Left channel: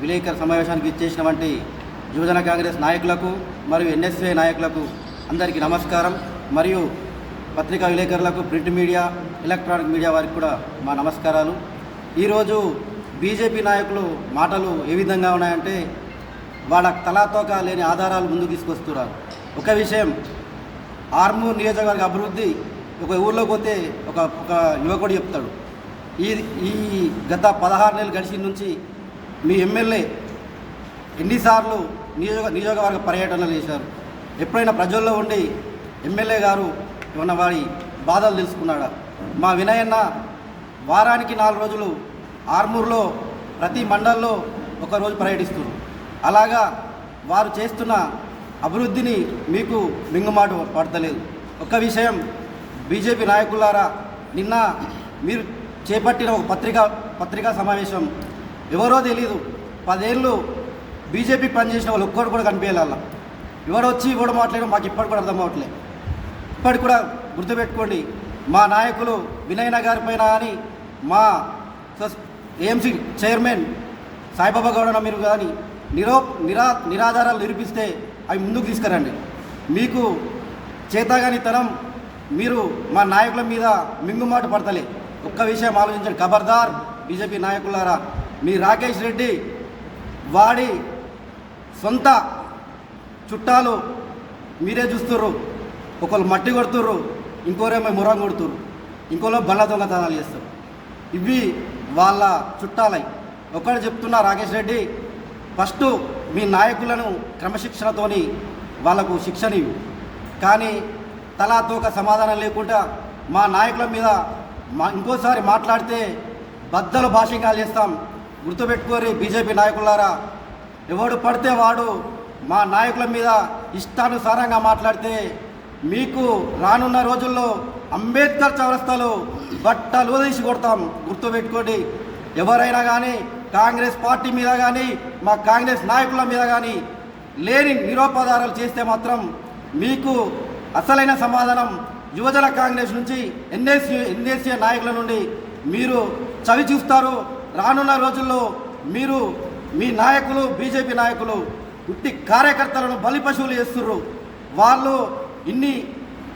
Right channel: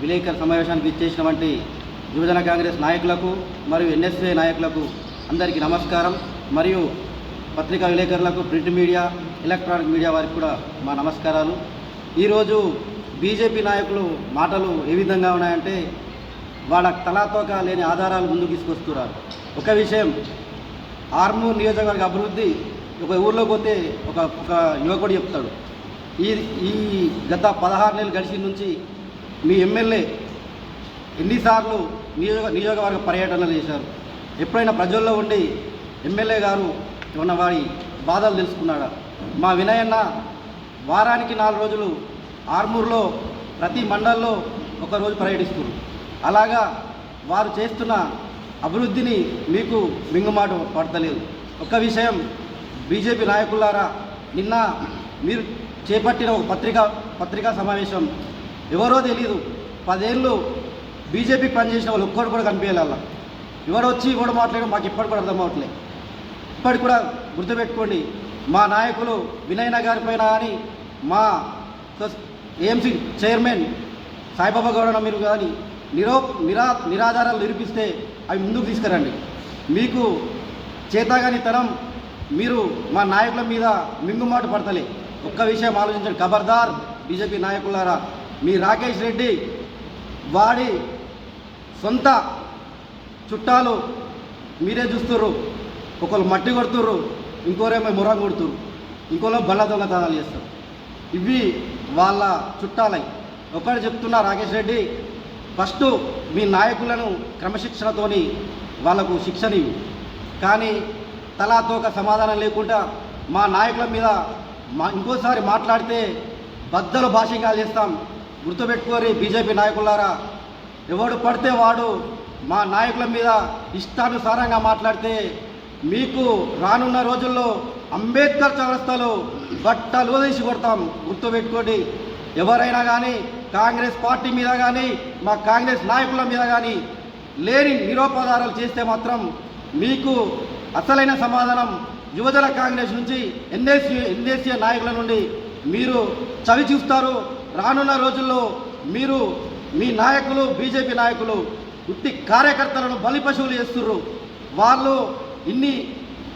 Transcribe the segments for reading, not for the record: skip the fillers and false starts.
విలేకరుల సమావేశానికి ఇచ్చేసినటువంటి యువజన కాంగ్రెస్ నాయకులకు మరియు ఎన్ఎస్ఏ నాయకులకు అందరికీ నమస్కారం. మరియు పత్రికా విలేకరులకు, ప్రింట్ మీడియా, ఎలక్ట్రానిక్ మీడియా వారికి కూడా మా నమస్కారాలు. ఈరోజు బీజేపీ నాయకులు మాటలు ఏ విధంగా ఉన్నాయంటే వాళ్ళ తలాతోక లేని ఆధారాలు ముందుకు తీసుకొస్తున్నారు. ఒక విషయం, ఆర్మూర్ నియోజకవర్గ అభివృద్ధి ఒక ఊళ్ళో పోతే ఒక యువకుడు చెప్తాడు, ఈ గత 16 నెలలు గడిచిన నుంచి మీ ఎమ్మెల్యే ఎన్నిసార్లు నియోజకవర్గ పర్యటనలు చేశారు, ఎప్పుడైనా ప్రజల్లో ఉండి ఎమ్మెల్యే గారు ఉన్న వారి బాధలు తెలుసుకున్నాడా? మా వినయన్న వారానికి 4 రోజులు ఆర్మూర్లో ప్రతి మండల్లో ఒకరోజు పర్యటిస్తున్నారు. అలాగా వారు చేస్తున్న అభివృద్ధిని మీకు మింగుమాట పడతలేదు. ఒక విషయం, బీజేపీ నాయకులారా, నిన్న మీరు చేపట్టిన ఒక పత్రికా సమావేశం ఎవరో తెలీదు, 10 ఏళ్ళు బీజేపీ పనిచేసిన వాళ్ళు ఒక్కరు కూడా కనిపించాల. ఎవరు వచ్చి కూడా మాట్లాడడం మాకు ఇప్పటికి కూడా అర్థం అవ్వట్లేదు. ఇప్పటికి కూడా గుర్తుపెట్టుకోండి, మా నాయకులు వినయన గారి పైన కానీ, మా ఏఎంసీ చైర్మన్ సాయిబాబా గౌడ మీరు కానీ నిరాధారాలు నిరూపిస్తే అవి ముందుకు తీసుకురండి. మీకు చేతగాని తరం మీరు మా నాయకుల మీద మింగుమాట పడతలే. ఒక్క విషయం ఆలోచించండి, ఖబర్దార్ బీజేపీ నాయకులారా. మీ రాకేష్ రెడ్డి వాడి సొంత చుట్టాలు మీరే చూస్తుర్రు. ఒకళ్ళు మట్టి కొడుతుర్రు, ఇంకోరేమో మురం కొడుతుర్రు, ఇంకోలో బల్ల దొంగతనాలు చేస్తారు. ఇవి వాళ్ళ చుట్టాలై. ఒకటి చెప్తున్నా, రాకేష్ రెడ్డి, ఫస్ట్ మీ నాయకులను క్రమశిక్షణతోని వాళ్లకు శిక్షణ ఇవ్వు. కానీ తలాతోక సమాధానం లేకుండా మా నాయకుల మీద ఇంకోసారి మాట్లాడితే బద్దలు భాషింగాలు చేస్తాం. గుర్తుపెట్టుకోరి బీజేపీ నాయకులారా, ఎవడు పడితే వాడు మా నాయకుల మీద ఇష్టానుసారంగా మాట్లాడితే మీకు రానున్న రోజుల్లో అంబేద్కర్ చౌరస్తాలో బట్టలు తీసి కొడతాం. గుర్తుపెట్టుకోండి. ఎవరైనా కానీ కాంగ్రెస్ పార్టీ మీద కానీ మా కాంగ్రెస్ నాయకుల మీద కానీ లేని నిరోపదారాలు చేస్తే మాత్రం మీకు అసలైన సమాధానం యువజన కాంగ్రెస్ నుంచి ఎన్ఎస్ఏ నాయకుల నుండి మీరు చవి చూస్తారు. రానున్న రోజుల్లో మీరు మీ నాయకులు, బీజేపీ నాయకులు ఉట్టి కార్యకర్తలను బలిపశువులు చేస్తుర్రు. వాళ్ళు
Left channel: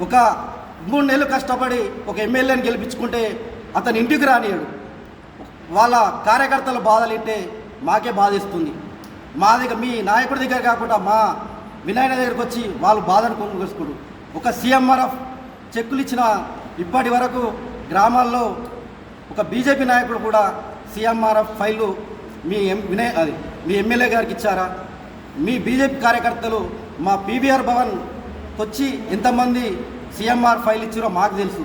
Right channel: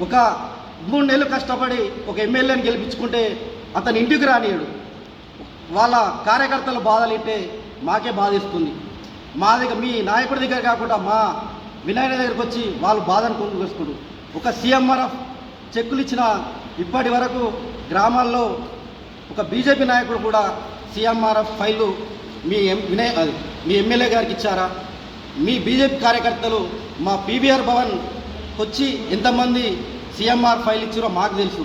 ఒక 3 నెలలు కష్టపడి ఒక ఎమ్మెల్యేని గెలిపించుకుంటే అతని ఇంటికి రానియడు. వాళ్ళ కార్యకర్తలు బాధలింటే మాకే బాధిస్తుంది. మా దగ్గర మీ నాయకుడి దగ్గర కాకుండా మా వినాయన దగ్గరికి వచ్చి వాళ్ళు బాధను కొనుగోసుకుడు. ఒక సీఎంఆర్ఎఫ్ చెక్కులు ఇచ్చిన ఇప్పటి వరకు గ్రామాల్లో ఒక బీజేపీ నాయకుడు కూడా సీఎంఆర్ఎఫ్ ఫైళ్ళు మీ ఎమ్మెల్యే గారికి ఇచ్చారా? మీ బీజేపీ కార్యకర్తలు మా పీవీఆర్ భవన్ వచ్చి ఎంతమంది సీఎంఆర్ ఫైల్ ఇచ్చారో మాకు తెలుసు.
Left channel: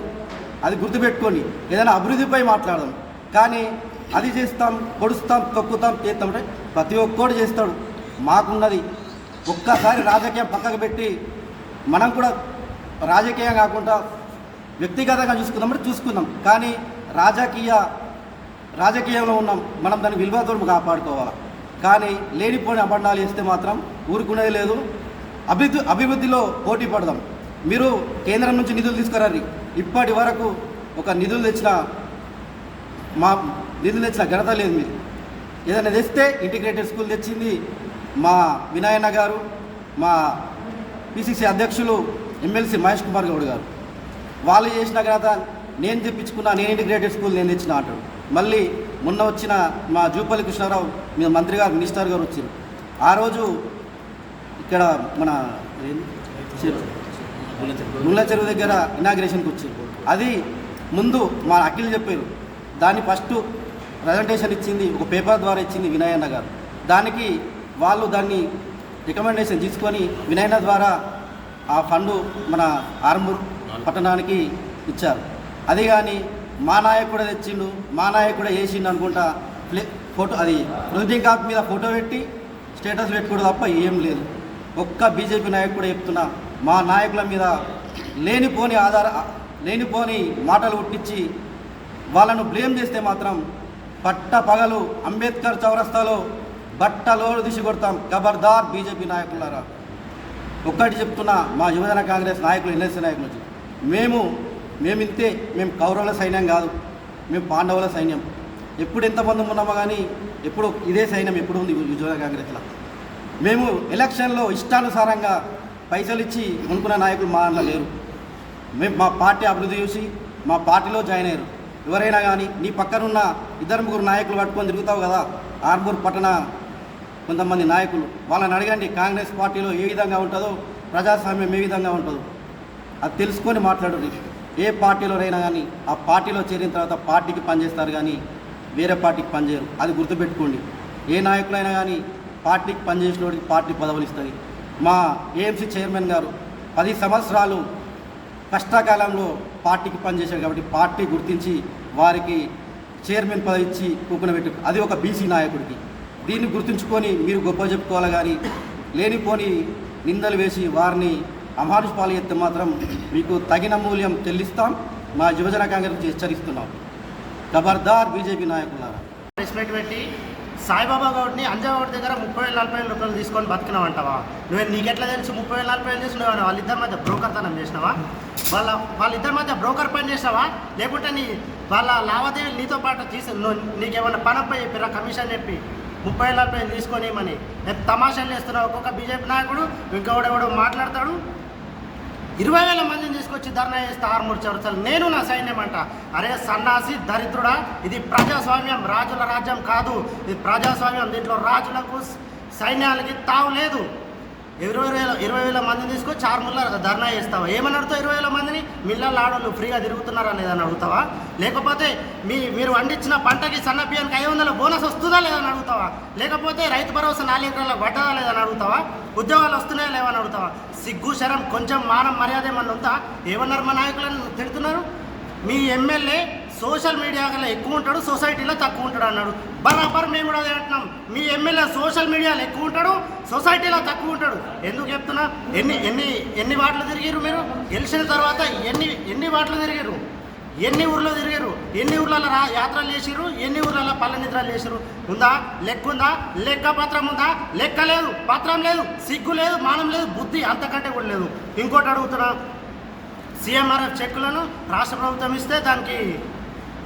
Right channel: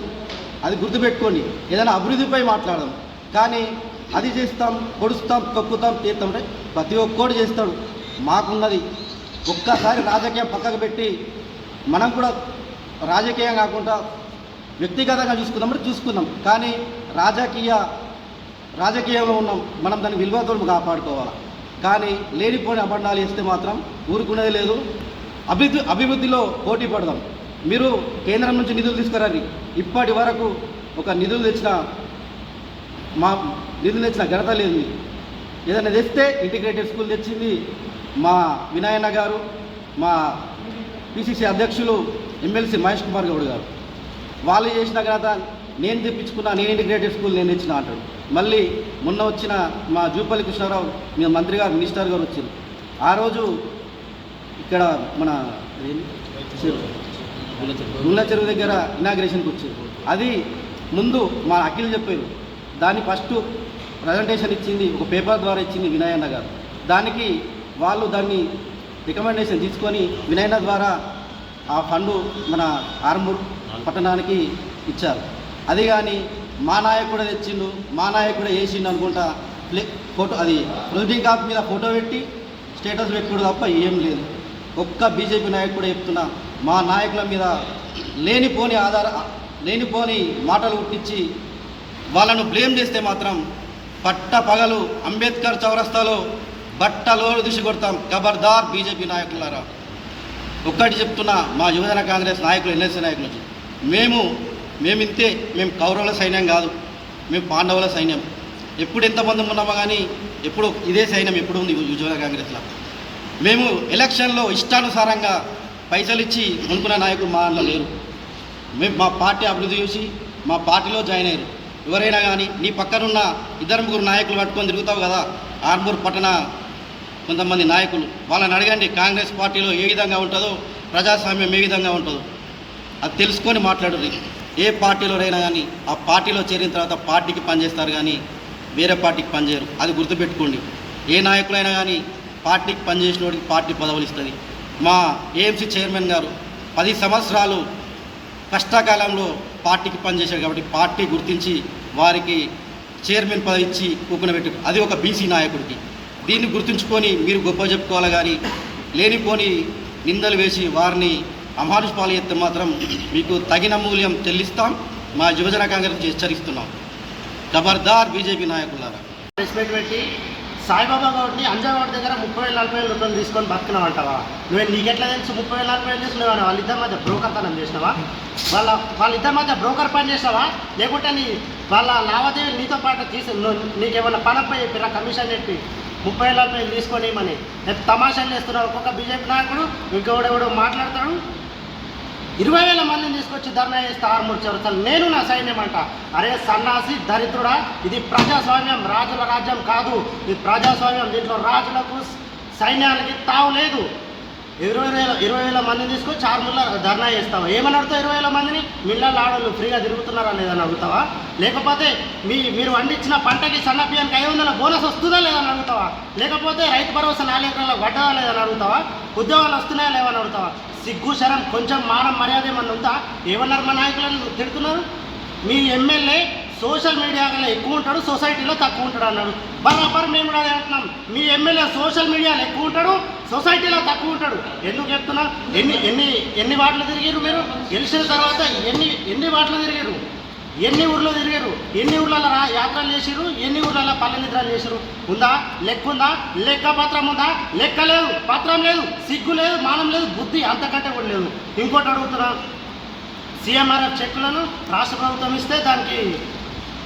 అది గుర్తుపెట్టుకోండి. ఏదైనా అభివృద్ధిపై మాట్లాడదాం, కానీ అది చేస్తాం, పొడుస్తాం, తొక్కుతాం, చేస్తామంటే ప్రతి ఒక్కడు చేస్తాడు. మాకున్నది ఒక్కసారి రాజకీయం పక్కకు పెట్టి మనం కూడా రాజకీయం కాకుండా వ్యక్తిగతంగా చూసుకుందాం. కానీ రాజకీయంలో ఉన్నాం, మనం దాని విలువతో కాపాడుకోవాలి. కానీ లేనిపోని అబద్ధాలు చేస్తే మాత్రం ఊరుకునేది లేదు. అభివృద్ధిలో పోటీ పడదాం. మీరు కేంద్రం నుంచి నిధులు తీసుకురండి. ఇప్పటి వరకు ఒక నిధులు తెచ్చిన ఘనత లేదు. ఏదైనా తెస్తే ఇంటిగ్రేటెడ్ స్కూల్ తెచ్చింది మా వినాయన్న గారు, మా పిసిసి అధ్యక్షులు ఎమ్మెల్సీ మహేష్ కుమార్ గౌడ్ గారు. వాళ్ళు చేసిన ఘనత నేను తెప్పించుకున్నా, నేను ఇంటిగ్రేటెడ్ స్కూల్ నేను తెచ్చిన అంటాడు. మళ్ళీ మొన్న వచ్చిన మా జూపల్లి కృష్ణారావు మంత్రి గారు, మినిస్టర్ గారు వచ్చారు. ఆ రోజు ఇక్కడ మన గుండ్ల చెరువు దగ్గర ఇనాగ్రేషన్కి వచ్చారు. అది ముందు మా అఖిల్ చెప్పారు. దాన్ని ఫస్ట్ ప్రజెంటేషన్ ఇచ్చింది, ఒక పేపర్ ద్వారా ఇచ్చింది వినయన్న గారు. దానికి వాళ్ళు దాన్ని రికమెండేషన్ తీసుకొని వినయన్న ద్వారా ఆ ఫండు మన ఆర్మూర్ పట్టణానికి ఇచ్చారు. అది కానీ మా నాయకుడే తెచ్చిండు, మా నాయకుడే వేసిండు అనుకుంటా ఫోటో, అది ప్రొసీడింగ్ కాపీ మీద ఫోటో పెట్టి స్టేటస్ పెట్టుకోవడం తప్ప ఏం లేదు. ఒక్క బీజేపీ నాయకుడే చెప్తున్నా, మా నాయకుల మీద లేనిపోని మాటలు పుట్టించి వాళ్ళను బ్లేమ్ చేస్తే మాత్రం పగలు అంబేద్కర్ చౌరస్తాలో బట్టలో దిశ కొడతాం. ఖబర్దార్ బీజేపీ నాయకులారా. ఒక్కటి చెప్తున్నా, మా యువజన కాంగ్రెస్ నాయకులు, ఎన్ఎస్సీ నాయకులు, మేము కౌరవుల సైన్యం కాదు, మేము పాండవుల సైన్యం. ఎప్పుడు ఎంతమంది ఉన్నామో కానీ ఎప్పుడు ఇదే సైన్యం ఎప్పుడు ఉంది యువజన కాంగ్రెస్లో. మేము ఎలక్షన్లో ఇష్టానుసారంగా పైసలు ఇచ్చి కొనుక్కున్న నాయకులు మా అన్న లేరు. మేము మా పార్టీ అభివృద్ధి చూసి మా పార్టీలో జాయిన్ అయ్యారు. ఎవరైనా కానీ నీ పక్కనున్న 2-3 నాయకులు పట్టుకొని తిరుగుతావు కదా, ఆర్మూర్ పట్టణ కొంతమంది నాయకులు, వాళ్ళని అడగండి కాంగ్రెస్ పార్టీలో ఏ విధంగా ఉంటుందో, ప్రజాస్వామ్యం ఏ విధంగా ఉంటుందో అది తెలుసుకొని మాట్లాడుర్రి. ఏ పార్టీలోనైనా కానీ ఆ పార్టీలో చేరిన తర్వాత పార్టీకి పనిచేస్తారు కానీ వేరే పార్టీకి పనిచేయరు. అది గుర్తుపెట్టుకోండి. ఏ నాయకులైనా కానీ పార్టీకి పనిచేసిన వాడికి పార్టీ పదవులు ఇస్తుంది. మా ఏఎంసీ చైర్మన్ గారు 10 సంవత్సరాలు కష్టకాలంలో పార్టీకి పనిచేశారు కాబట్టి పార్టీ గుర్తించి వారికి చైర్మన్ పదవి ఇచ్చి కూకునబెట్టు. అది ఒక బీసీ నాయకుడికి. దీన్ని గుర్తుంచుకొని మీరు గొప్ప చెప్పుకోవాలి కానీ లేనిపోని నిందలు వేసి వారిని అమానుష పాలు ఎత్తే మాత్రం మీకు తగిన మూల్యం చెల్లిస్తాం. మా యువజన కాంగ్రెస్ హెచ్చరిస్తున్నాం. ఖబర్దార్ బీజేపీ నాయకులారా. రెస్పెక్ట్ పెట్టి సాయిబాబా గౌడ్ని అంజావాడి దగ్గర 30,000-40,000 రూపాయలు తీసుకొని బతుకున్నావు అంటావా? నీకెట్లా తెలుసు 30,000-40,000 చేసినావా? వాళ్ళిద్దరి మధ్య బ్రోకర్ తనం చేసినావా? వాళ్ళిద్దరి మధ్య బ్రోకర్ పని చేసినావా? లేకుంటే వాళ్ళ లావాదేవీలు నీతో పాటు నీకేమన్నా పనపై చెప్పిరా కమిషన్ చెప్పి 30,000-40,000 తీసుకొని ఏమని తమాషాలు చేస్తున్నావు? ఒక్కొక్క బీజేపీ నాయకుడు ఇంకెవడెవడో మాట్లాడతాడు. 20,000 మందిని తీసుకొచ్చి ధర్నా చేస్తే ఆర్మూర్ చౌరస్తాలు నేను నా సైన్యం అంట. అరే సన్నాసి దరిద్రుడా, ఇది ప్రజాస్వామ్యం, రాజుల రాజ్యం కాదు. ఇది ప్రజాస్వామ్యం. దీంట్లో రాజులకు సైన్యాలకి తావు లేదు. 20,000 మందిని తీసుకొచ్చి ఆర్మూర్లో ధర్నా చేస్తావా? ఏమని అడుగుతావు? 20,000 మందిని మిల్లలు ఆడలు ఫ్రీగా తిరుగుతున్నారా లేదని అడుగుతావా? లేకపోతే మీరు పండించిన పంటకి సన్న బియ్యానికి 500 బోనస్ వస్తుందా లేదని అడుగుతావా? లేకపోతే రైతు భరోసా 4 ఎకరాల పడ్డదా లేదని అడుగుతావా? ఉద్యోగాలు వస్తున్నాయా లేవని అడుగుతావా? సిగ్గు శరం కొంచెం మానం మర్యాద ఏమన్నా ఉందా? ఏమన్నారు మా నాయకులను తిడుతున్నారు? మీ ఎమ్మెల్యే సోషల్ మీడియాలో ఎక్కువ ఉంటాడు, సొసైటీలో తక్కువ ఉంటాడు అన్నాడు. బరాబర్ మేము కూడా అంటున్నాం. మీ ఎమ్మెల్యే సోషల్ మీడియాలో ఎక్కువ ఉంటాడు, సొసైటీలో తక్కువ ఉంటాడు. ఎందుకు చెప్తున్నా? ఎన్ని వార్డులు తిరిగారు మీరు? గెలిచిన తర్వాత ఎన్ని వార్డులు తిరిగారు? ఎన్ని ఊర్లో తిరిగారు? ఎన్ని ఊర్లలో యాత్రలు చేసిరు? ఎన్ని ఊర్లలో పల్ల నిద్రలు చేసిరు? ఉందా? లెక్క ఉందా? లెక్క పత్రం ఉందా? లెక్క లేదు, పత్రం లేదు, సిగ్గు లేదు, మానం లేదు, బుద్ధి అంతకంటే కూడా లేదు. ఇంకోటి అడుగుతున్నా, సీఎంఆర్ఎఫ్ చెక్కులను రాష్ట్ర ప్రభుత్వం ఇస్తే దానికి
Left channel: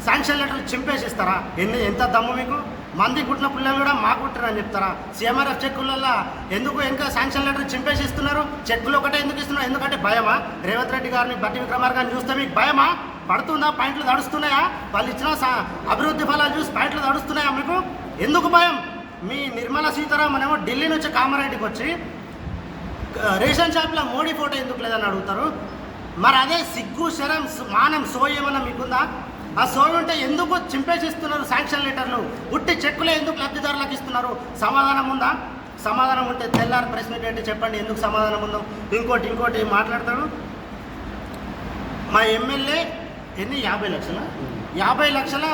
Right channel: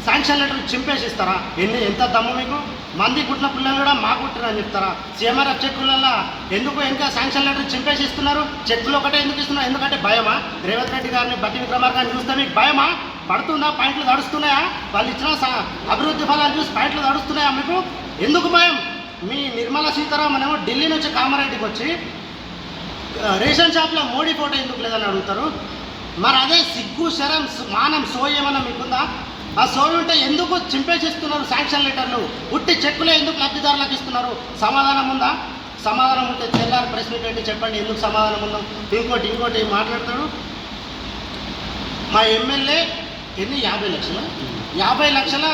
శాంక్షన్ లెటర్ చింపేసి ఇస్తారా? ఎంత దమ్ము మీకు? మంది పుట్టిన పిల్లలు కూడా మా పుట్టినని చెప్తారా? సీఎంఆర్ఎఫ్ చెక్కులలో ఎందుకు ఇంకా శాంక్షన్ లెటర్ చింపేసి ఇస్తున్నారు? చెక్కులు ఒకటే ఎందుకు ఇస్తున్నారు? ఎందుకంటే భయమా? రేవంత్ రెడ్డి గారిని, బట్టి విక్రమార్కని చూస్తే మీకు భయమా? పడుతుందా? పాయింట్లు తడుస్తున్నాయా? వాళ్ళు ఇచ్చిన అభివృద్ధి ఫలాలు చూసి పాయింట్లు తడుస్తున్నాయా మీకు? ఎందుకు భయం? మీ నిర్మలా సీతారామన్ ఏమో ఢిల్లీ నుంచి కామారెడ్డికి వచ్చి రేషన్ షాప్లో మోడీ ఫోటో ఎందుకు లేదని అడుగుతారు. మరి అదే సిగ్గు శరం మానం సోయి ఏమన్నా మీకుందా? ఆ సోయి ఉంటే ఎందుకు చింపేసిస్తున్నారు శాంక్షన్ లెటర్లు? ఉట్టి చెక్కులే ఎందుకు లబ్ధిదారులకు ఇస్తున్నారు? సమాధానం ఉందా? సమాధానం ఉంటే తెల్లారి ప్రెస్ మీట్ ఏంటి చెప్పండి, ఎందుకు సమాధానం ఉందాం? ఇంకోటి మాట్లాడతాడు. మా ఎమ్మెల్యే 50 లక్షల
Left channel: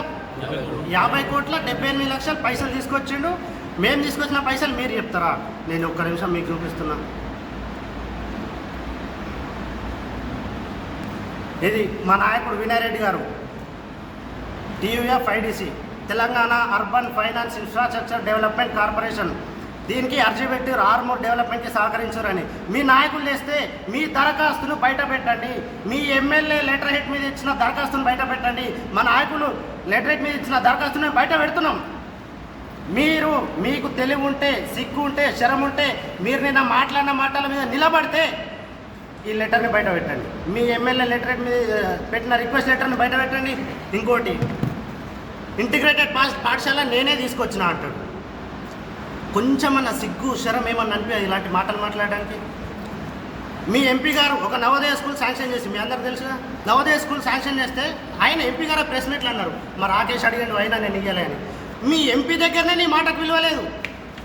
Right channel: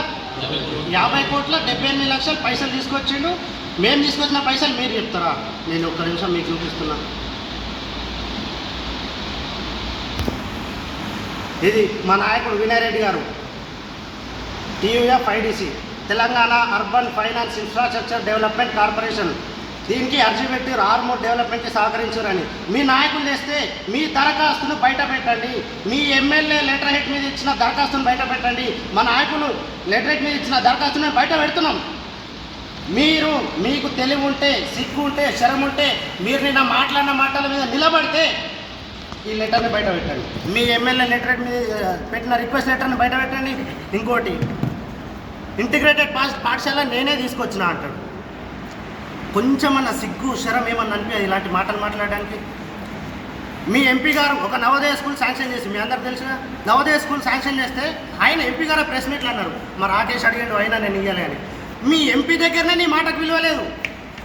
50 కోట్ల 78 లక్షల పైసలు తీసుకొచ్చిండు. మేము తీసుకొచ్చిన పైసలు మీరు చెప్తారా? నేను ఒక్క నిమిషం మీకు చూపిస్తున్నాను. ఇది మా నాయకుడు వినయ్ రెడ్డి గారు, TUFIDC Telangana urban finance infrastructure development corporation. దీనికి అర్జీ పెట్టి ఆర్మూర్ డెవలప్మెంట్కి సహకరించారని మీ నాయకులు చేస్తే మీ దరఖాస్తును బయట పెట్టండి. మీ ఎమ్మెల్యే లెటర్ హెడ్ మీద ఇచ్చిన దరఖాస్తును బయట పెట్టండి. మా నాయకులు లెటర్ హెడ్ మీద ఇచ్చిన దరఖాస్తును బయట పెడుతున్నాం. మీకు తెలివి ఉంటే, సిగ్గు ఉంటే, శరం ఉంటే, మీరు నిన్న మాట్లాడిన మాటల మీద నిలబడితే ఈ లెటర్ని బయట పెట్టండి. మీ ఎమ్మెల్యే లెటర్ హెడ్ మీద పెట్టిన రిక్వెస్ట్ లెటర్ని బయట పెట్టండి. ఇంకోటి, ఇంటిగ్రేటెడ్ పాఠశాల నేనే తీసుకొచ్చిన అంటాడు. కొంచెమన్నా సిగ్గు శరం ఏమన్నా అనిపించదు ఇలాంటి మాటలు మాట్లాడడానికి? మీ ఎంపీ గారు ఒక నవోదయ స్కూల్ శాంక్షన్ చేసి, మీ అందరు తెలుసుగా, నవోదయ స్కూల్ శాంక్షన్ చేస్తే ఆయన ఎంపీ గారు ప్రెస్ మీట్లు అన్నారు, మరి రాకేష్ అడిగాడు అయినా నేను ఇవ్వాలి అని. మీ ఎంపీ దగ్గరనే నీ మాటకు విలువ లేదు.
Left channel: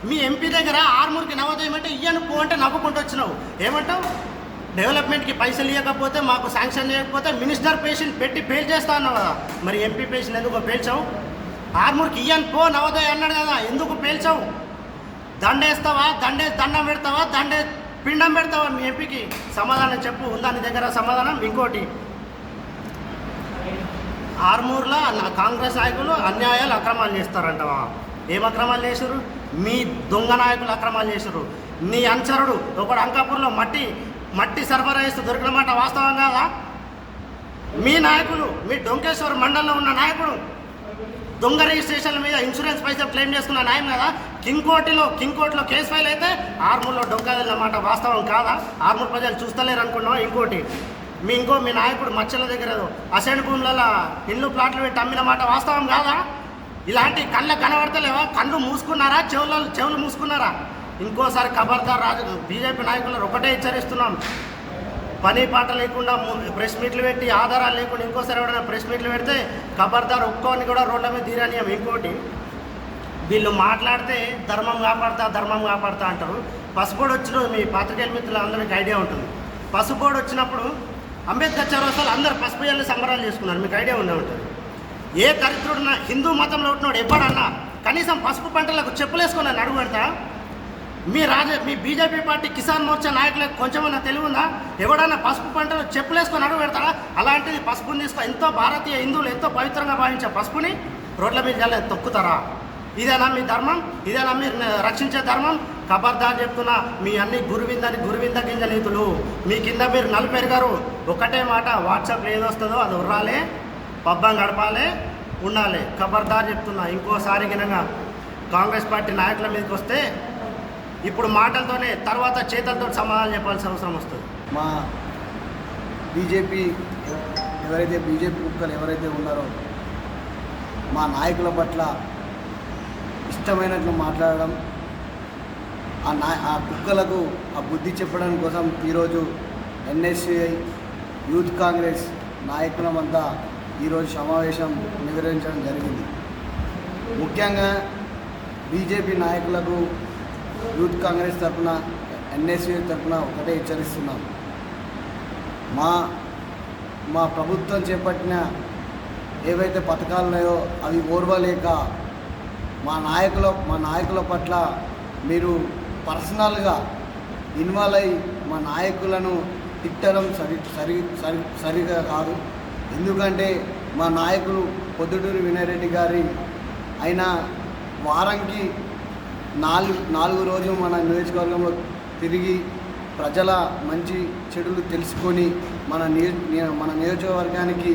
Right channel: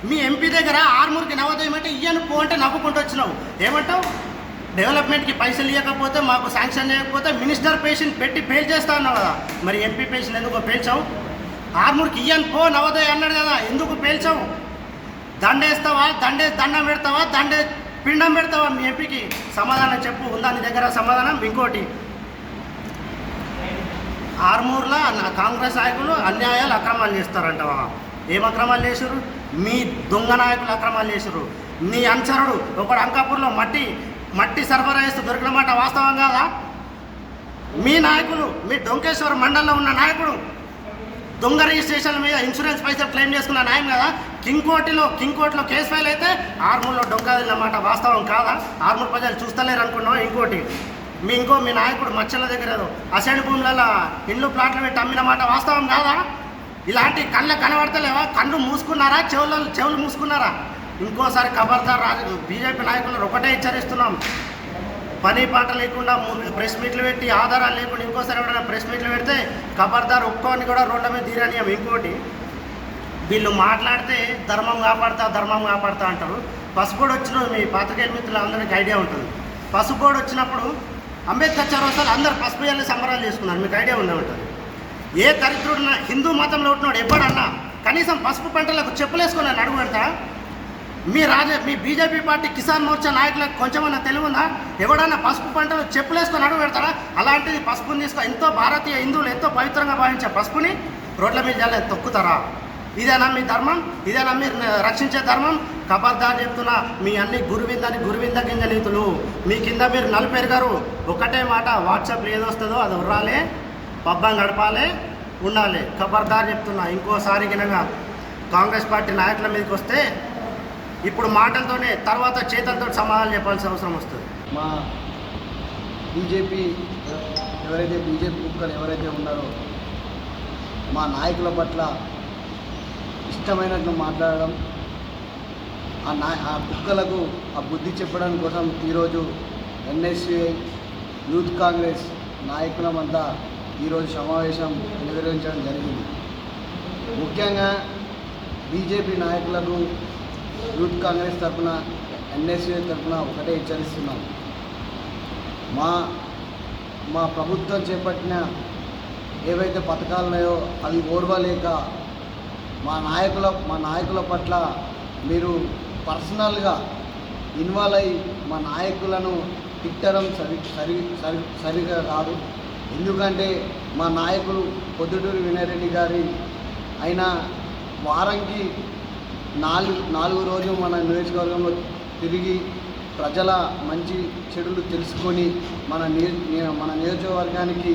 మీ ఎంపీ దగ్గర ఆర్మూర్కి నవోదయం అంటే ఇయ్యను పో అంటే నవ్వుకుంటూ వచ్చినావు. ఏమంటావు? డెవలప్మెంట్కి పైసలు ఇవ్వకపోతే, మాకు శాంక్షన్ చేయకపోతే మినిస్టర్ పేషెంట్ పెట్టి ఫెయిల్ చేస్తా అన్నావు కదా, మరి ఎంపీ పేషెంట్ ఎందుకు పేల్చావు? ఆర్మూర్కి ఇయ్యను పో నవోదయ అన్నాడు కదా, ఎందుకు పేల్చావు? దండేస్తావా? దండం పెడతావా? పిండం పెడతావా? మీ ఎంపీకి సమాధానం చెప్పు. ఉందా నీ దగ్గర సమాధానం? ఇంకోటి, ఆర్మూర్లో కాంగ్రెస్ నాయకులు అన్యాయాలు అక్రమాలు చేస్తారంటవా? ఏం అక్రమాలు చేశారు? మీ దొంగ నాయకులు అక్రమాలు చేశారు. నీ అనుచరుడు ఒకడు అంకాపూర్లో మట్టి సరఫరా చేస్తూ దొరికిన మాట వాస్తవం కాదా? మీ నాయకులు, మీ డొంకేశ్వర మండలంలో ఉన్న నాయకుడు దొంగ రిజిస్ట్రేషన్ల మీద ఇన్సూరెన్స్ పైసలు క్లెయిమ్ చేసుకున్న న్యాయం కదా. కింగ్ కోర్టులో కేసు ఫైల్ అయితే ఆర్మూర్లో డొంకాదన్నమాట. వాస్తవం కాదా? ఆర్మూర్ ప్రజలు చూస్తలేరు అనుకున్నాం. ఇంకోటి మీ నాయకుడు మచ్చల దగ్గర అసైన్ భూములలో ఇండ్లు ప్లాట్లు పెట్టి అమ్మిన మాట వాస్తవం కాదా? ఇలాంటి కళ్ళకు కనబడతలేవా? కళ్ళు మూసుకున్నారా? చెవులు మూసుకున్నారా? ఇంకోసారి ఖబర్దార్ బీజేపీ నాయకులను ఒకటే హెచ్చరిస్తున్నాం. పని పాట లేకుండా ప్రెస్ మీట్లు పెట్టి ఆధారాలు లేకుండా ఇంకోసారి ఎవరైనా ప్రెస్ మీట్లు పెడితే ఖబర్దార్ ఒక్కోని కూడా రోడ్ల మీద తీరనియం. ఇంకోటి వీళ్ళు మాట్లాడితే ధర్మం కాపాడుతా అంటారు. పసుపోడు వచ్చిన మీ పాత్రికేయుల మిత్రులు అందరికీ ఐడియా ఉంటుంది. పసుపోడు వచ్చినప్పుడు అంబేద్కర్ చౌరస్తాలో అందరూ పసుపు వెళ్ళి సంబరాలు చేసుకున్నారు. మీకు ఐడియా ఉండే ఉంటుంది. ఏ దరిద్రుడున్న హిందూ మతంలో ఉంటున్నాడు ఎవ్వడన్నా కనీసం పసుపు పంటలకు చెప్పులేసుకుని అడుగు పెడతా? మీ బీజేపీ పార్టీ కిసాన్ మోర్చా నాయకులకు కొంచెమన్నా తెలివిందా? ఎవడన్నా పసుపు పంటలు చెప్పులేసుకొని అడుగు పెడతారా? అలాంటిది పసుపుని ఎంతో భారతీయ హిందువులు ఎంతో పవిత్రంగా భావించే పసుపుని రోడ్ల మీద జల్లే తొక్కుతారా? ఇదేనా మీ ధర్మం? ఇదేనా మీరు రక్షించే ధర్మం? ఖబర్దార్ చెప్తున్నా, మీ అన్ని గురువింద గింజ నీతులు. మీ కింద మీరు నలుపేరు గారు ఒకటే మాట, వాట్సాప్లో ఏదొస్తుందో అది ఉర్రాలే, పబ్బం గడపాలి, ఉండాలి. ఖబర్దార్ చెప్తున్నా, ఇంకోసారి గినగా కాంగ్రెస్ పార్టీ నాయకుల మీదకి వస్తే ఇప్పుడు మాటలతోనే తర్వాత చేతులతో సమాధానం చెప్పాల్సిన అవసరం వస్తుంది. మా బీజేపీ కుక్కలు ఎవరైతే ఉన్నారో మా నాయకుల పట్ల ఇష్టమైనట్లు మాట్లాడడం, ఆ కుక్కలకు ఆ బుద్ధి చెప్పడం కోసం ఈరోజు ఎన్ఎస్యుఐ యూత్ కాంగ్రెస్ నాయకులమంతా ఈరోజు సమావేశం నిర్వహించడం జరిగింది. ముఖ్యంగా బీజేపీ నాయకులకు యూత్ కాంగ్రెస్ తరఫున ఎన్ఎస్యుఐ తరఫున ఒకటే హెచ్చరిస్తున్నాం. మా ప్రభుత్వం చేపట్టిన ఏవైతే పథకాలు ఉన్నాయో అవి ఓర్వలేక మా నాయకుల పట్ల మీరు పర్సనల్గా ఇన్వాల్వ్ అయ్యి మా నాయకులను తిట్టడం సరిగా కాదు. ఎందుకంటే మా నాయకులు పొద్దుటూరి వినయరెడ్డి గారి ఆయన వారానికి 4 రోజులు మన నియోజకవర్గంలో తిరిగి ప్రజల మంచి చెడులు తెలుసుకొని మన నియోజకవర్గానికి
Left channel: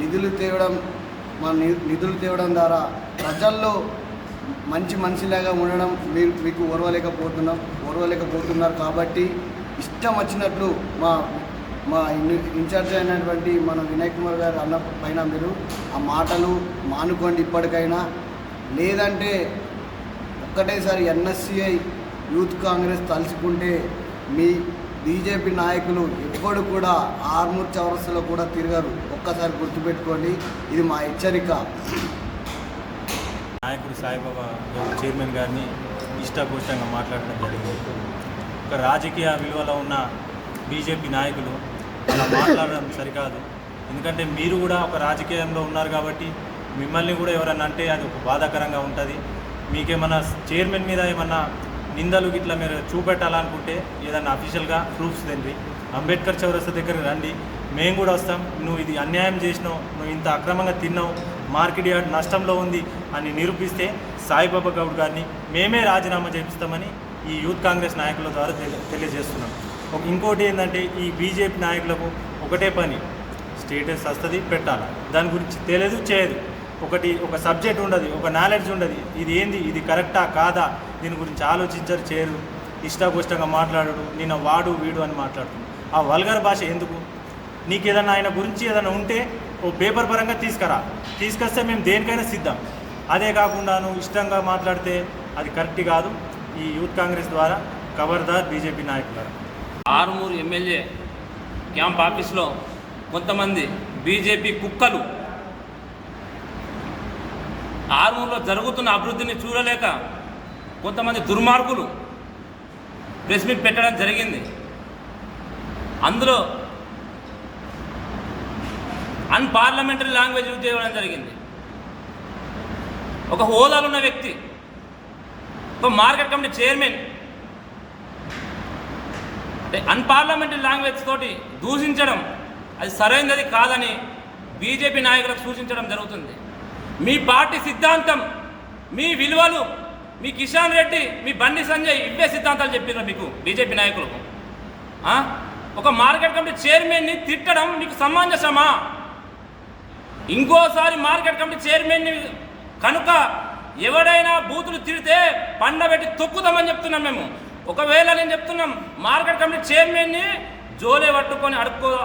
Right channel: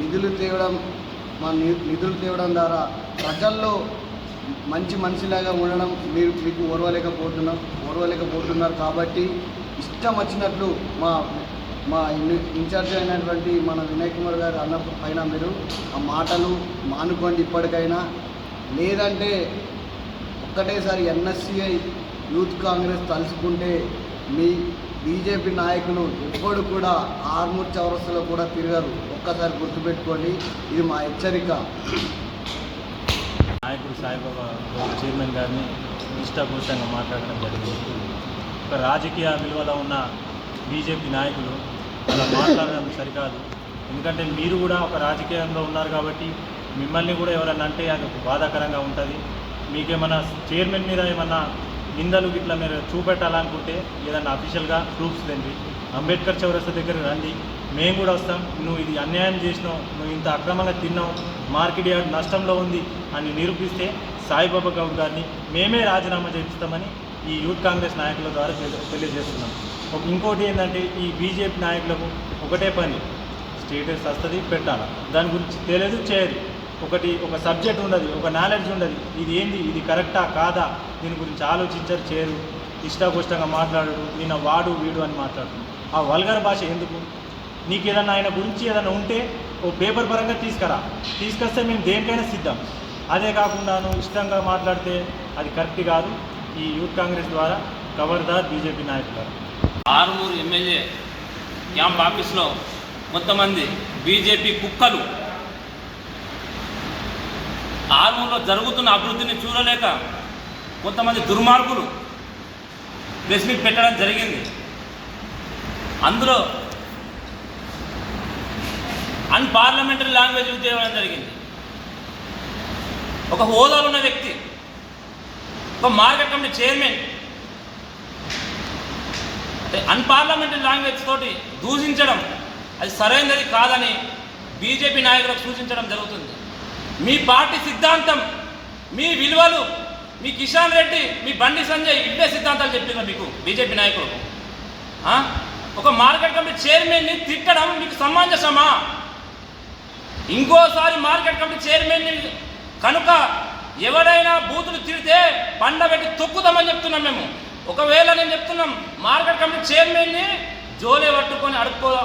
నిధులు తేవడం ద్వారా ప్రజల్లో మంచి మనిషిలాగా ఉండడం మీకు ఓర్వలేకపోతున్నారు. కాబట్టి ఇష్టం వచ్చినట్లు మా ఇన్ఛార్జ్ అయినటువంటి మన వినయ్ కుమార్ గారు అన్న పైన మీరు ఆ మాటలు మానుకోండి ఇప్పటికైనా. లేదంటే ఒక్కటేసారి ఎన్ఎస్సిఐ యూత్ కాంగ్రెస్ తలుచుకుంటే మీ బీజేపీ నాయకులు ఎప్పుడు కూడా ఆర్మూర్ చౌరస్తాలో కూడా తిరగరు. ఒక్కసారి గుర్తుపెట్టుకోండి, ఇది మా హెచ్చరిక. నాయకుడు సాయిబాబా చైర్మన్ గారిని ఇష్టపూర్తంగా మాట్లాడడం జరిగింది. ఒక రాజకీయ విలువలో ఉన్న బీజేపీ నాయకులు అలా మాట్లాడడం సరికాదు. ఎందుకంటే మీరు కూడా ఒక రాజకీయంలో ఉన్నారు కాబట్టి మిమ్మల్ని కూడా ఎవరన్నా అంటే అది ఒక బాధాకరంగా ఉంటుంది. మీకేమన్నా చైర్మన్ మీద ఏమన్నా నిందలు ఇట్లా మీరు చూపెట్టాలనుకుంటే ఏదన్నా అఫీషియల్గా ప్రూఫ్స్ తెండి అంబేద్కర్ చౌరస్తా దగ్గర రండి, మేము కూడా వస్తాం. నువ్వు ఇది అన్యాయం చేసినావు, నువ్వు ఇంత అక్రమంగా తిన్నావు, మార్కెట్ యార్డ్ నష్టంలో ఉంది అని నిరూపిస్తే సాయిబాబా గౌడ్ గారిని మేమే రాజీనామా చేపిస్తామని ఈ యూత్ కాంగ్రెస్ నాయకుల ద్వారా తెలియజేస్తున్నాం. ఇంకోటి ఏంటంటే ఈ బీజేపీ నాయకులకు ఒకటే పని, స్టేటస్ వస్తుంది పెట్టాలి, దాని గురించి తెలియదు చేయదు, ఒక సబ్జెక్ట్ ఉండదు, ఒక నాలెడ్జ్ ఉండదు, ఇది ఏంది, ఇది కరెక్టా కాదా, దీని గురించి ఆలోచించరు, చేయరు, ఇష్టాగోష్టంగా మాట్లాడరు, నేను వాడు వీడు అని మాట్లాడుతున్నాను. ఆ వల్గర్ భాష ఎందుకు? నీకు ఏదన్నా ఆయన గురించి ఏదైనా ఉంటే ఓ పేపర్ పరంగా తీసుకొస్తే మేము దేనికైనా సిద్ధం. అదే కాకుండా నువ్వు ఇష్టంగా మాట్లాడితే అది కరెక్ట్ కాదు. ఈ యూత్ కాంగ్రెస్ ద్వారా ఖబర్దార్ బీజేపీ నాయకులు. ఆరుమూరు ఎమ్మెల్యే క్యాంప్ ఆఫీస్లో కొంతమంది బీజేపీ కుక్కలు ఆరుమూరులో జరుగుతున్న అభివృద్ధిని చూడలేక కొంతమంది దుర్మార్గులు ప్రెస్ మీట్ పెట్టడం జరిగింది. అందులో అన్పార్లమెంటరీ లాంగ్వేజ్ యూజ్ చేయడం జరిగింది. ఒక హోదాలో ఉన్న వ్యక్తి, ఒక మార్కెట్ కమిటీ చైర్మన్ అంటే అన్పార్లమెంటరీ లాంగ్వేజ్ తోటి దూషించడం అది సరైనది కాదని బీజేపీ నాయకులకు సూచించడం జరుగుతుంది. మీ పార్టీ సిద్ధాంతం, మీ విలువలు, మీ కిషన్ రెడ్డి, మీ బండి సంజయ్ ఇవే సిద్ధాంతాలు చెప్పినారు మీకు బీజేపీ నాయకులకు. ఒక మార్కెట్ కమిటీ చైర్మన్ని తిట్టడం మీకు సమంజసమా? ఇంకోసారి మార్కెట్ కమిటీ చైర్మన్ని కనుక ఎవడైనా బూతులు తిడితే పండబెట్టి తొక్కుతామని చెప్తున్నాం మేము. ఒకవేళ నేను చెప్తున్నాం మార్కెట్ కమిటీ చైర్మన్ని జోలే పట్టుకొని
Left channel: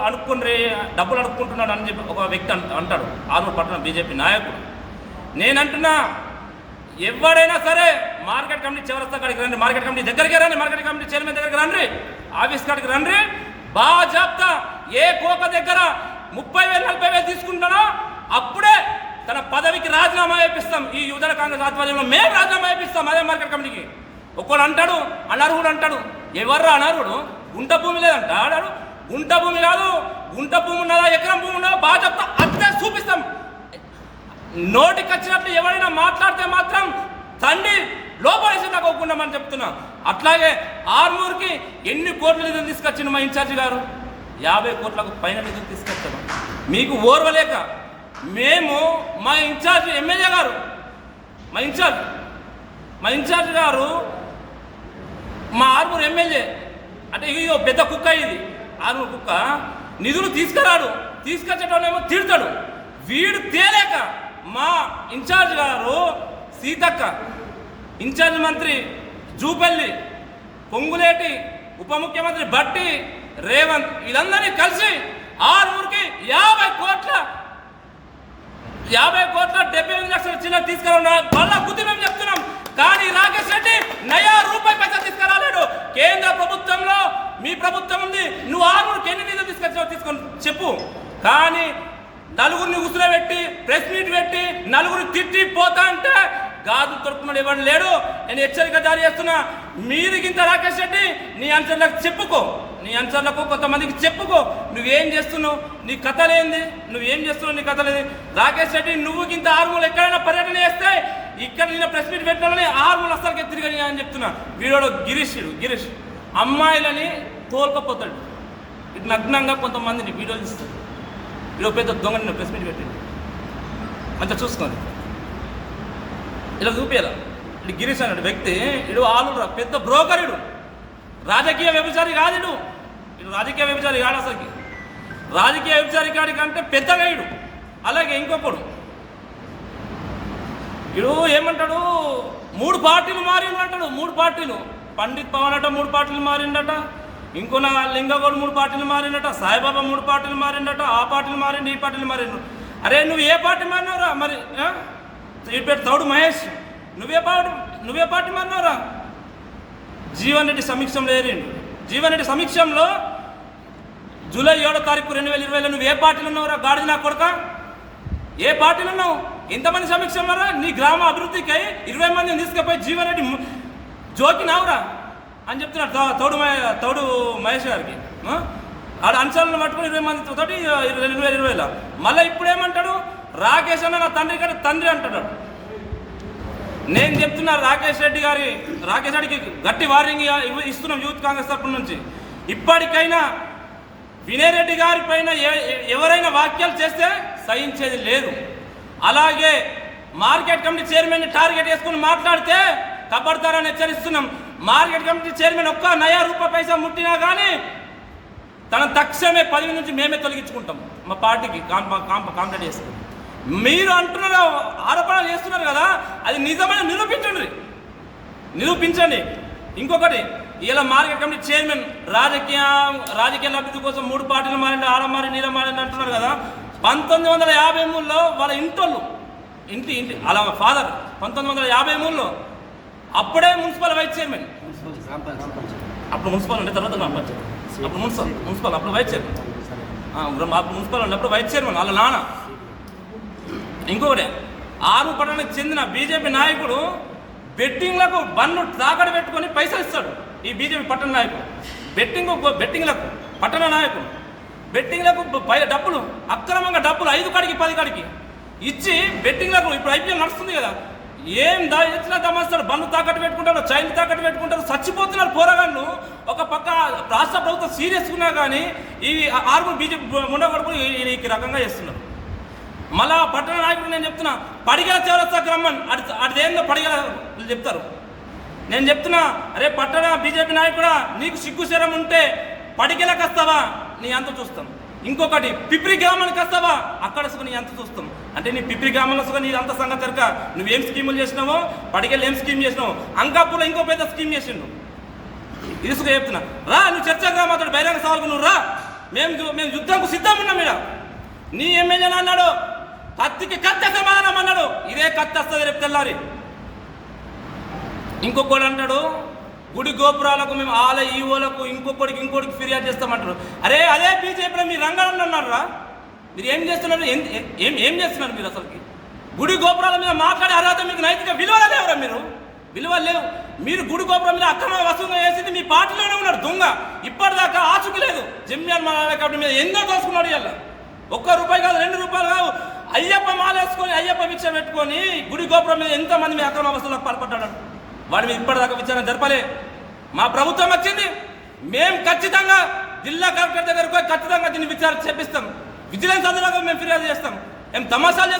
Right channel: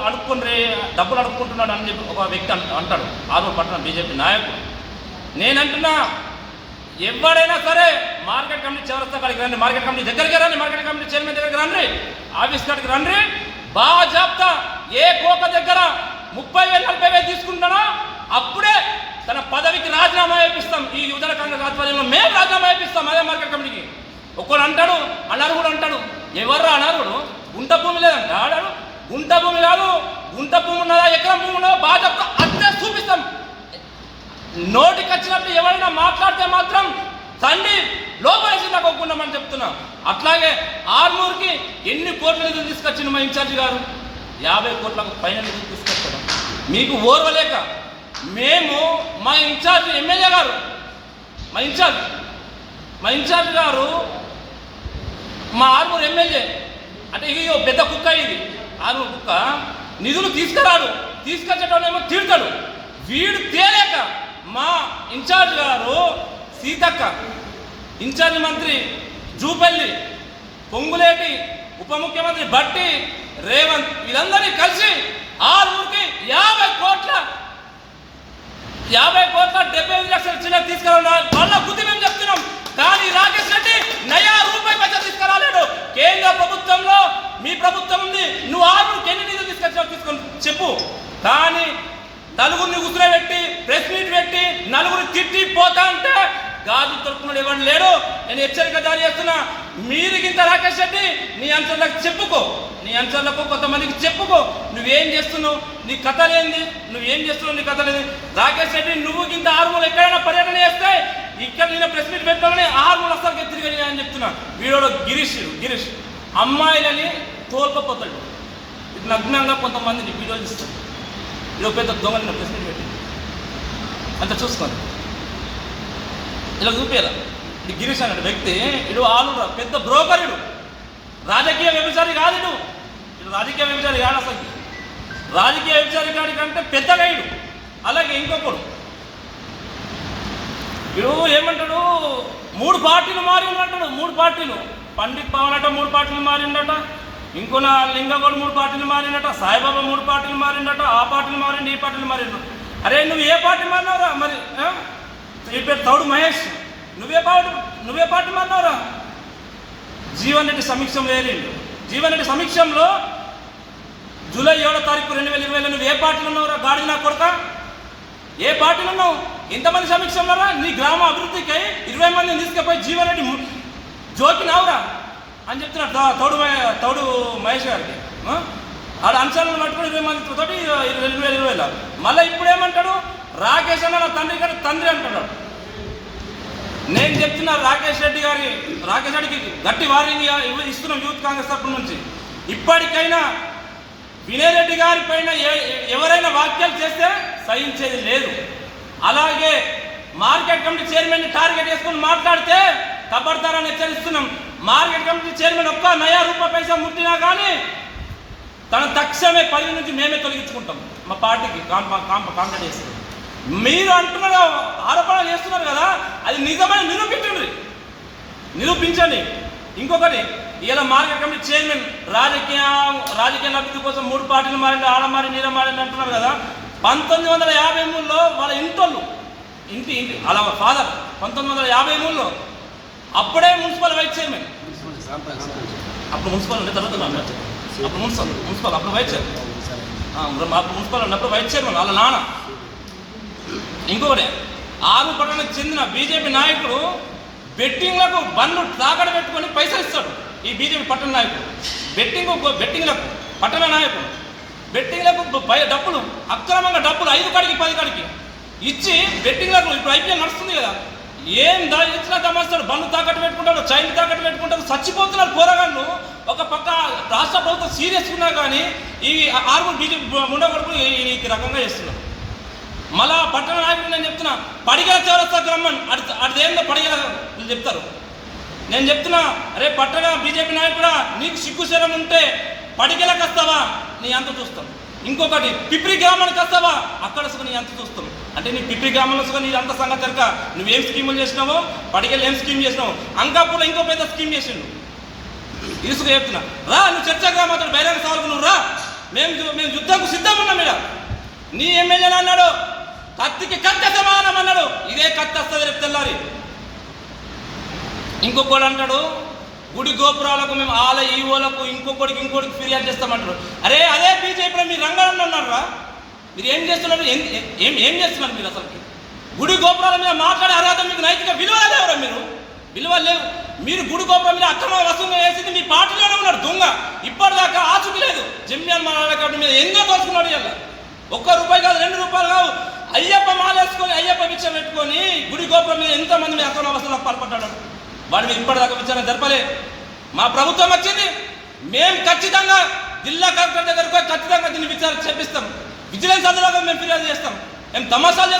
అడుక్కొని డబ్బులు అడుక్కుంటున్నాడు అని చెప్పి ఒక వ్యక్తి అంటాడు, ఆర్మూర్ పట్టణ బీజేపీ నాయకుడు. నేనంటున్నా ఎవడైనా సరే మార్కెట్ కమిటీ చివరస్తా కాడికి రండి, మార్కెట్ కమిటీ దగ్గరికి రండి, మార్కెట్ కమిటీ చైర్మన్ దగ్గరికి రండి, ఆఫీస్ కాడికి రండి. బాజాప్తా ఏ కోక దగ్గర 30,000 40,000 తీసుకుంటానో అప్పుడే తన పదవికి రాజీనామా చేపిస్తాం. ఈ యువజన కాంగ్రెస్ ఆధ్వర్యంలో మేము రాజీనామా చేపిస్తాం అదే మార్కెట్ కమిటీకి. ఒక్కడు అంటాడు, అనర్హుడు అంటాడు. ఎవర్రా అనర్హుడు? గుంట భూమి లేదంట ఆడాడు. గుంట భూమి కాదు, గుంట భూమి ఉన్నదా ఎకరం భూమి ఉన్నదా బాజాప్తా అంతే చూపిస్తాం. నోటికి వచ్చినప్పుడు ఎవరైనా మాట్లాడితే మాత్రం తండ్రి లోపలేసి నాకు ఒప్పుకున్నామని చెప్తున్నా. అట్లాగే ఆర్మూర్కి ఎన్ని కోట్ల నిధులు తీసుకొచ్చింది మా ఇన్ఛార్జి గారు? 50 కోట్లకు పైన నిధులు తీసుకొచ్చాడు. మీకు ఓర్వలేక మేము మా ఇన్ఛార్జి ఎమ్మెల్యే గారు, మా ఇన్ఛార్జి గారు మా ఆర్మూర్ ఎమ్మెల్యే అంటే ఇగో పెద్ద కుక్క, ఇది ఆర్మూర్ కుక్క. నిధులు తీసుకురాడు, తీసుకొచ్చేటోనేమో తిడతాడు. వీడు తేలేక మా ఇన్ఛార్జ్ గారు సీతక్క, ఇన్ఛార్జ్ మంత్రి జూపల్లి, పొంగులేటి, ఉప ముఖ్యమంత్రి భట్టి, రేవంత్ వీళ్ళందరినీ కలిసి ఆర్మూర్కి 50 కోట్ల 75 లక్షల చిన్న తీసుకురా వాళ్ళ బుద్ధి మేము చెప్తున్నాం. కానీ రాకేష్ రెడ్డి నయా రూపాయి పైసా తీసుకురాలేడు. కేంద్ర ప్రభుత్వంలో మీ ప్రభుత్వం ఉంది, నువ్వు ఆర్మూర్కి ఎన్ని నిధులు తీసుకొచ్చావు తీసుకొని చెప్పు. కానీ నలుగురిని ఉసురబెట్టి ప్రెస్ మీట్ పెట్టి నలుగురు తిట్టి పోతా అంటే గాజు తొడుకున్నాడు ఎవరు లేడు. నేను హెచ్చరిక జారీ చేస్తున్నా, మీదికింత రాకేష్ రెడ్డి నీ అంచర్లకు చెప్పుకో, నీ అంచర్లకు కొంతమందికి చెప్పుకో నువ్వేం చేస్తున్నావు, నీ కథలేంది, నువ్వేం చేస్తున్నావు, నీ కథలేంది. రాకేష్ రెడ్డి నువ్వు ఇంత ఆర్మూలు ఎక్కడైనా పర్యటన చేస్తే ఇక్కడ నేను ప్రెస్ మీట్ పెట్టాలని ఆర్మూలు అసలు తిరిగి అని చెప్తున్నా. వీడియోలో గిరీష్ అమ్మాయిలని తోలుకపోతాడు, నగ్నంగా కొంతమందిని వీడియోలు ఇస్తాడు. ఇలా పెద్ద దొంగని ప్రెస్ మీట్ పెట్టింది అంత చూసుకోండి, ఇలా చూపించాల. ఇది గిరీష్ అనే వ్యక్తి, ఇడు ఆలుడు పెద్ద బ్రోకర్, ఇడు రాజకీయ వ్యభిచారి కాదు, ఇడు రాజకీయ వ్యభిచారి కాదు. అసలు రాజకీయ వ్యభిచారి కాడి కంటే పెద్దగా ఇడు. అలాగే ఇంకొకడు ఇడు ఏమంటాడు, 3 పార్టీలు మారిండంటాడు. 3 పార్టీలు పండిత్ పవన్ అట 3 పార్టీలు మారిండట, ఇంకో నా లింగగౌడ్ 3 పార్టీలు మారిండట, సాయిబాబా 3 పార్టీలు మారిండట, ఆ పార్టీలు మారిండు, ఈ పార్టీలు మారిండు. అరే నువ్వు ఏ పార్టీ మారినవరా? మరి ఈ పేరు తౌడు మహేష్, నువ్వే పార్టీ మారినవరా? జీవన్ రెడ్డి సమీక్షంలో ఏరిండు. జీవన్ రెడ్డి సమీక్షంలో జూలై 7వ తారీఖు 2020లో నువ్వు ఏ పార్టీలు ఉన్నావురా? గాడిద నా కొడక, ఏ పార్టీలు ఉన్నావు? ఎంతమంది సమీక్షంలోరా? నీ గ్రామ అభివృద్ధికై 20 మందిని తీసుకుపోయి జీవన్ రెడ్డి జోకినావురా అని చెప్తున్నాడు తౌడు మహేష్ గారికి. ఆడ అంశాలను పట్టుకుని 20 మందితో 2020లో. మళ్ళీ ఇప్పుడు ఏమంటాడు, రాకేష్ అన్న నా తండ్రి అంటాడు. నేను చెప్తున్నా రాకేష్ రెడ్డికి గట్టి వార్నింగ్ ఇస్తున్నాం యూత్ కాంగ్రెస్ తరఫు నుంచి. ఇప్పటికైనా వినయ్ రెడ్డి గారి పైన ఎవరైనా వ్యాఖ్యలు చేస్తే సహించేది లేదు. అలాగే మార్కెట్ కమిటీ చైర్మన్ని టార్గెట్ చేసుకుని మాట్లాడితే తప్పడతారని హెచ్చరిస్తున్నాం. మార్కెట్ కమిటీ చైర్మన్ ఒక్క నయా రూపాయి పైసా ముట్టినా కానీ తన తక్షణమే పదవి నుంచి మేమే తొలగించుకుంటాం. మా పార్టీకి కాంప్లైంట్ చేస్తున్నాం. మీరు అంటున్నారు, ఆరోపణలు చేస్తున్నారు కదా, అది నిజమని నిరూపించండి. ఇంకొకటి, ఇలా మార్కెట్ కమిటీ చైర్మన్ రాజకీయ లబ్ధి కోసం 3 పార్టీలు మారింది, ఆడ మారి నీడ మారింది అంటున్నారు కదా. 1953లో వాళ్ళ ఇంటి అలా ఫాదర్ 1953లో అప్పుడే మున్సిపల్ వైస్ చైర్మన్, అప్పుడు మున్సిపల్ ఉండే తర్వాత అప్పుడు మున్సిపల్ అప్పుడు వైస్ చైర్మన్, అప్పుడు మున్సిపల్ ఉన్నప్పుడు వైస్ చైర్మన్ వాళ్ళ నాన్న. ఇంకొకటి, ఆర్మూర్ పట్టణానికి చెందిన బీజేపీ నాయకుడు బెట్టింగ్లకు బండ్లు తాకడ పెట్టుకొని పైసలు ఇస్తాడు. ఈ బీజేపీ పట్టణ నాయకుడు బెట్టింగ్లకు పట్టణ నాయకుడు బెట్టింగ్లకు డబ్బులు అక్రమంగా డబ్బులు 5 కాడికి 10 కాడికి ఇచ్చి బెట్టింగ్లకు, ఇప్పుడు ఐపీఎల్ నడుస్తుంది కదా, ఏం ఇచ్చినా దమాస్తాడు. బండ్లు తాకట్టు పెట్టుకుంటాడు, చైన్లు తాకట్టు పెట్టుకుంటారు, చచ్చిపోతున్నారు పోరగాళ్ళు. ఒక పక్క రాష్ట్ర ప్రభుత్వం సీరియస్ ఉన్నా కానీ ఈ ఆర్మూర్ బీజేపీ ముండగొడుకులు ఈ రకంగా చేస్తున్నారు. మళ్ళా పట్టణ నాయకుడు నేను చెప్తున్నా, పడిగల చౌరస్తాకి రమ్మని అదేందో పడిగల చెప్తారు. నేను చెప్తున్నా, అరే పట్టణ బీజేపీ నాయకుడా, నీకు సిగ్గు శరం ఉంటే పడిగలకు వస్తావా, నీ అంత చూస్తాం. ఇంకొకటి పిప్రి గ్రామానికి వస్తావా, అక్కడ సుకొని ఎంత చూస్తాం అంటే నీ పిప్రి గ్రామంలో సుకొని నీ అంత సంగతి కనుక నువ్వేం స్కీములు చేసినావో, పడికెళ్ళి ఏం స్కీమ్ చేసినావు, అంకాపూర్లో ఇంకో పెద్ద స్కీమ్ చేసిండు. ఇసుక చెప్తున్నా రా, నువ్వు చర్చగా మాట్లాడు, బహిరంగ సవాల్కు నువ్వు రా, మేము యుద్ధంకు సిద్ధం ఉన్నాం. ఇక్కడ నీ ఎమ్మెల్యేని అన్నాడు కత్తికి కత్తి సమానం అన్నాడు, ఇదే కత్తి వస్తుంది రేపు తెల్లారి. ఇంకొకడు అంటాడు గుడి గోపురాలకు మేము ఈవోలకు ఇంకొకటికి ఫిర్యాదు చేస్తామంటారు. అరే అదే బీజేపీ మీరు రంగాలను అన్నారు రా, మీరు ఏం చేస్తున్నారు, ఏం చేస్తున్నారు మీరు? అసలుకి గుడి గోపురాల మీద మాట్లాడే అర్హత మీకు నైతిక విలువలు లేవరా? విలువలు లేవు. మీరు గుడి గోపురం మీద అక్రమ వసూలు వేసింది మీ పార్టీలోనే ఉన్నాడు దొంగ, ఇప్పటిదాకా ఆచూకీ లేదు. జమ్యాన్ మాట్లాడే మీద ఎంతో దోసుకున్నాడు. ఇలా ₹1 కాదు, ₹2 కావు, అయ్యప్ప మాలేసుకొని అయ్యప్ప భిక్ష పెట్టుకొని గుడి గోపురం మీద ఎంతమంది మీద అక్రమ వసూలకు పాల్పడ్డాడు. వాడి మీద ఇప్పటిదాకా విచారణ జరపలే. మా ప్రభుత్వం వచ్చింది, మేము ఖచ్చితంగా జిల్లా కలెక్టర్ దగ్గరకు ఖచ్చితంగా దీన్ని విచారణ చేపిస్తాం. విజిలెన్స్ అందులో మేము ఫిర్యాదు చేస్తాం. మేము తమాషాలు చేస్తాం.